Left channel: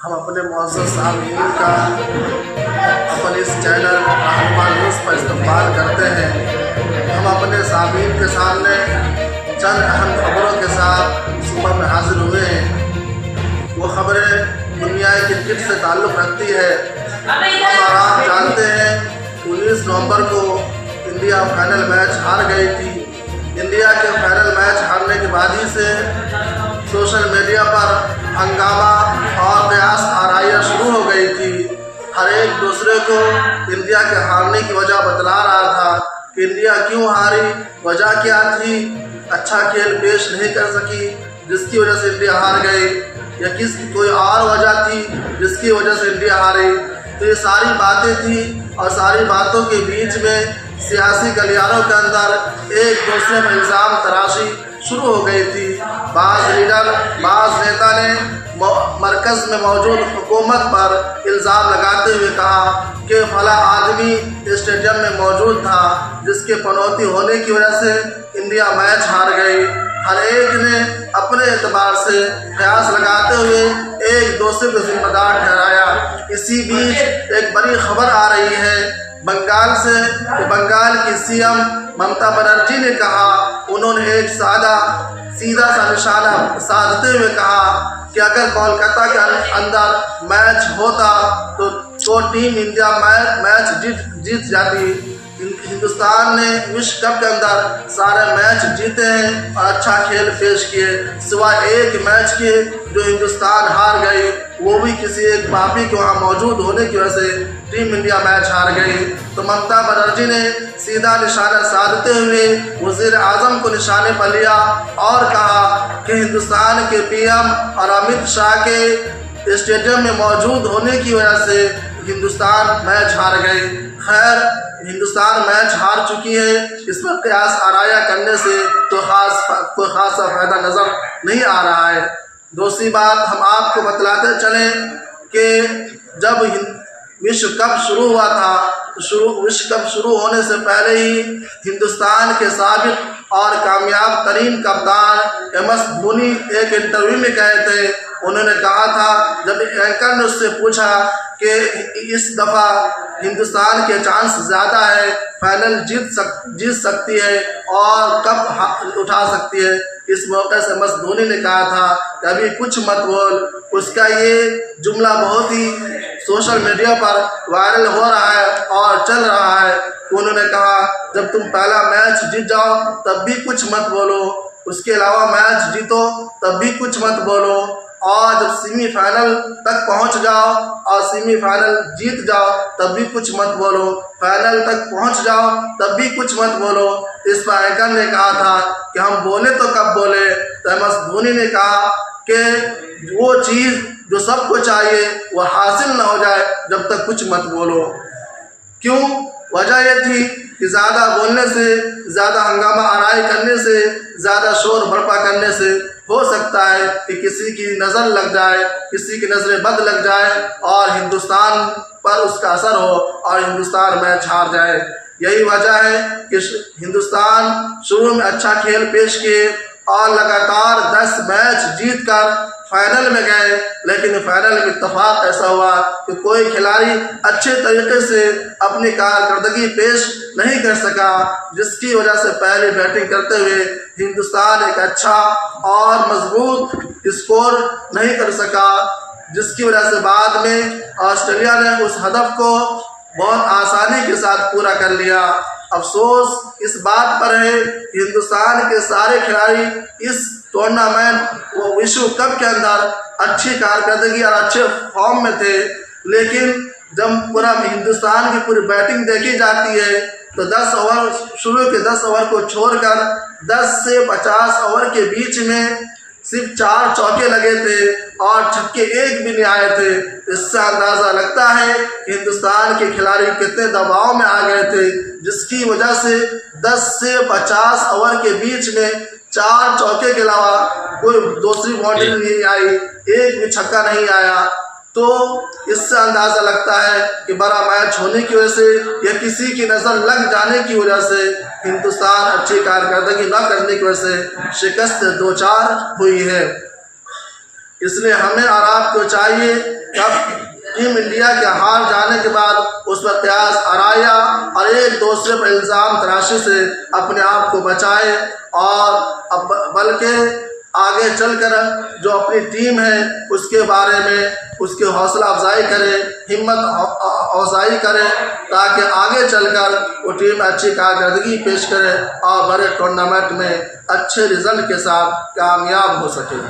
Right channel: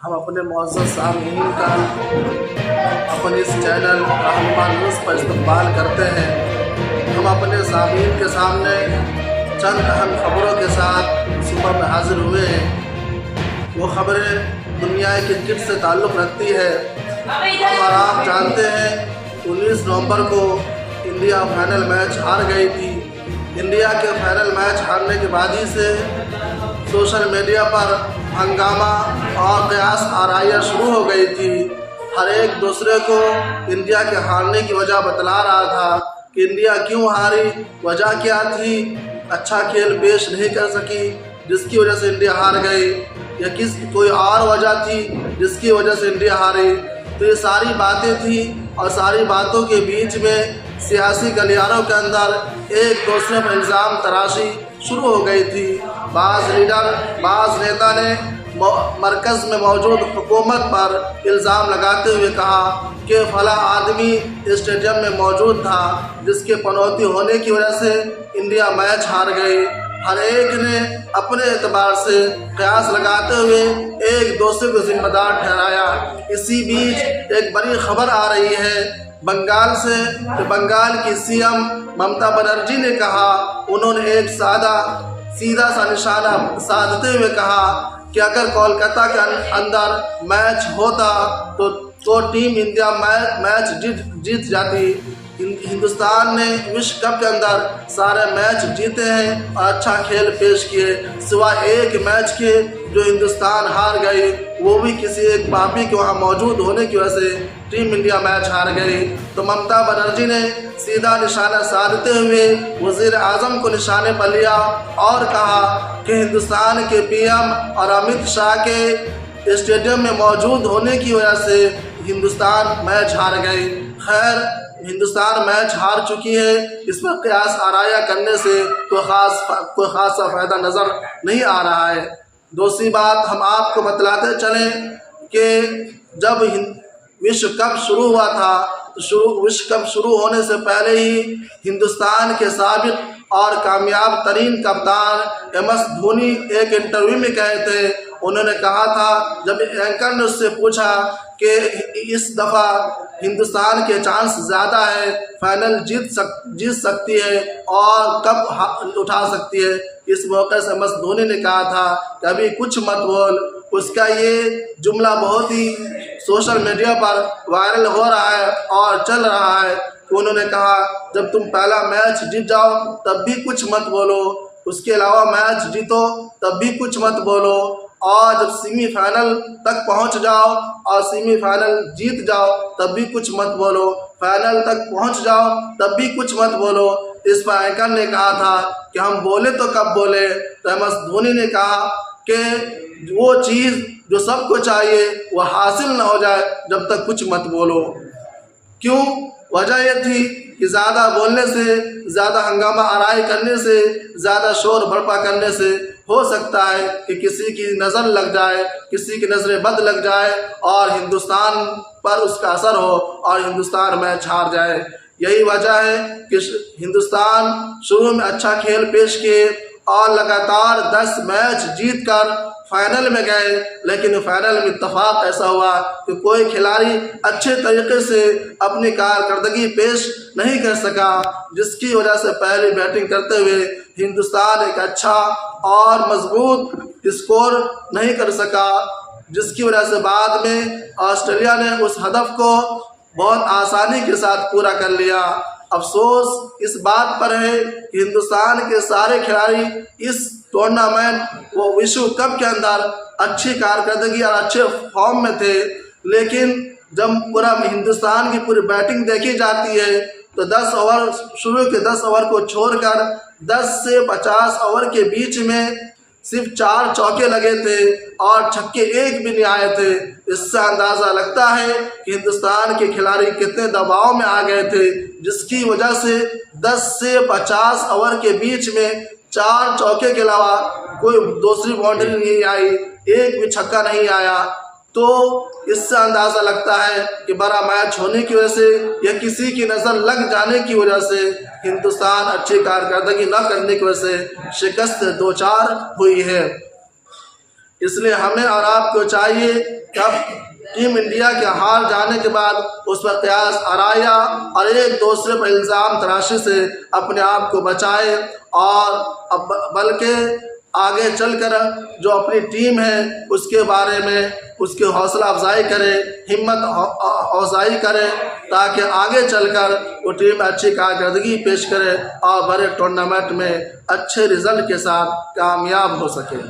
हम अपने मुअज़्ज़ज़ सामीन का अपने इस चैनल रहनुमा न्यूज़ पर इस्तक़बाल करते हैं। हम अपने सामीन के सामने चंद अहम खबरों के साथ सुबह में हाज़िर हुए हैं। वो खबरें दुनिया क्रिकेट से ताल्लुक़ रखती है। हम और आप जानते हैं 19 नवंबर को इंडिया फाइनल मैच हार गई थी। इंडिया के फाइनल मैच हारने के बाद ही से सोशल मीडिया पर हंगामा और कयास आराइयाँ शुरू हो गई थी। हर एक दूसरे को इंडिया के हारने की वजह बतला रहा था कि इंडिया क्यों हारी, वजह क्या थी, अच्छा खेल पेश नहीं कर सकी जिसकी वजह से इंडिया हार गई, या कोई और वजह थी जिसकी वजह से इंडिया हारी। तो ये सारी बातें थी और सारी बातों के बीच में सियासी गलियारों के अंदर एक दूसरे में इल्ज़ाम तराशी शुरू हो गई थी। बाज़ लीडर, बाज़ नेता ने मरकज़ में मौजूद हुकूमत पर इल्ज़ाम लगाते हुए कहा कि फला आदमी स्टेडियम में मौजूद था जिसके पनौती होने की वजह से इंडिया मैच हार गई। हर एक ने अपने एतबार से कयास लगाते हुए एक दूसरे को जिम्मेदार ठहराया। इसी बीच एक बड़ी खबर आ रही है बंगाल से कि बंगाल की सीएम ममता बनर्जी ने कहा, उन्होंने एक सीधा सा निशाना साधते हुए कहा कि अगर कोलकाता के अंदर मैच होता तो टीम इंडिया मैच जीत जाती। हिंदुस्तान ने विश्व कप के अंदर सारे मैच जीते हैं और अच्छा खेल पेश किए, सिवाय एक मैच के जो हिंदुस्तान हार गई, वो भी किसी एक पापी के वहाँ मौजूद होने की वजह से टीम इंडिया मैच हार गई। तो ममता बनर्जी ने सीधा निशाना साधते हुए वज़ीर आज़म को निशाने पर लिया और कहा कि हिंदुस्तान के पीएम और अमित शाह के स्टेडियम में मौजूद होने की वजह से हिंदुस्तान मैच हार गई। खैर, हिंदुस्तान मैच हार चुकी है, इस पर कयास आराया करने से तो कोई ख़ासा फ़ायदा नज़र नहीं आ रहा है। दूसरी बात हम आपको बतलाते चलें कि जब विश्व कप शुरू हुआ था तो विश्व कप शुरू होने से पहले ही हिंदुस्तान के साबिक़ और कामयाब तरीन कप्तान MS धोनी एक इंटरव्यू में कहे थे, उन्होंने कहा था जब एंकर ने उससे पूछा कि इस दफ़ा हिंदुस्तान के चांस ज़्यादा है, फाइनल जीत सकती है और कप उठा सकती है, इस मौके से MS धोनी ने कहा था कि अभी कुछ मत बोल। उसका ये जुमला बहुत ही सोशल मीडिया पर वायरल हो रहा है और चल रहा है। उन्होंने कहा जब तुम पहला मैच जीत जाओ तब भी कुछ मत बोलो, उसके अलावा मैच जीतो तब भी कुछ मत बोलो, और जब सेमीफाइनल तक पहुंच जाओ और सेमीफाइनल जीत जाओ तब भी कुछ मत बोलो, फाइनल तक पहुंच जाओ तब भी कुछ मत बोलो। इस पर एंकर ने कहा था कि हम बोले तो कब बोले, तो MS धोनी ने कहा कि वो चीज़ जो सबको चाहिए वो हासिल ना हो जाए जब तक कुछ मत बोलो। क्यों? वजह ये थी कि ज़्यादा बोलने से, ज़्यादा हंगामा आराई करने से, ज़्यादा शोर भड़पा करने से हो सकता है कि किसी की नज़र लग जाए, किसी की नज़र बद लग जाए और हिंदुस्तान पर उसका असर हो और हिंदुस्तान मैच हार जाए। यही वजह है कि हिंदुस्तान शुरू में अच्छा खेल पेश किए और लगातार 10 मैच जीतकर फाइनल में गए, लेकिन फाइनल में इत्तेफाक ऐसा हुआ कि कोई खिलाड़ी अच्छे तरीके से अपनी कारकर्दगी पेश नहीं कर सका, जिसकी वजह से पहले बैटिंग करते हुए हिंदुस्तान एक अच्छा और मजबूत स्कोर नहीं कर सका, जिसकी वजह से बाद में ऑस्ट्रेलिया ने उस हदफ को बहुत आसानी के साथ पूरा कर लिया। अफसोस इस बात पर है कि हिंदुस्तान के सारे खिलाड़ी इस टूर्नामेंट वो विश्व कप के अंदर अच्छी कारकर्दगी और अच्छे फॉर्म में थे, लेकिन जब पूरा हिंदुस्तान की पूरी बैटिंग देखी जाती है तो 10 ओवर, शुरू के 10 ओवर को छोड़कर 10 से 50 ओवर के बीच में सिर्फ 4 चौके लगे थे और छक्के एक भी नहीं आए थे। इससे अंदाज़ा लगता है कि हिंदुस्तान के खिलाड़ी कितने दबाव में आ गए थे, जिसकी वजह से 10 से 50 ओवर के बीच में 4 चौके के अलावा कोई दूसरी बाउंड्री नहीं आई, एक भी छक्का नहीं आया। तो इससे अंदाज़ा लगता है कि बड़ा मैच होने की वजह से या किसी की नज़र लग जाने की वजह से हिंदुस्तान अच्छी कारकर्दगी न करने की वजह से शिकस्त 2-4 हुई है। इसलिए हमें और आपको चाहिए कब टीम इंडिया के हार जाने के बाद उस पर कयास आराया और एक दूसरे पर इल्ज़ाम तराशी से अपने आप को बचाए और अब बल्कि आगे चलकर जो अपनी टीम है उसके बारे में उसकी हौसला अफजाई करे, हिम्मत अफजाई करे, ताकि आगे चलकर वो टीम अच्छी कारकर्दगी पेश करे और बड़े टूर्नामेंट में अच्छे रिजल्ट के साथ कामयाब हो सके।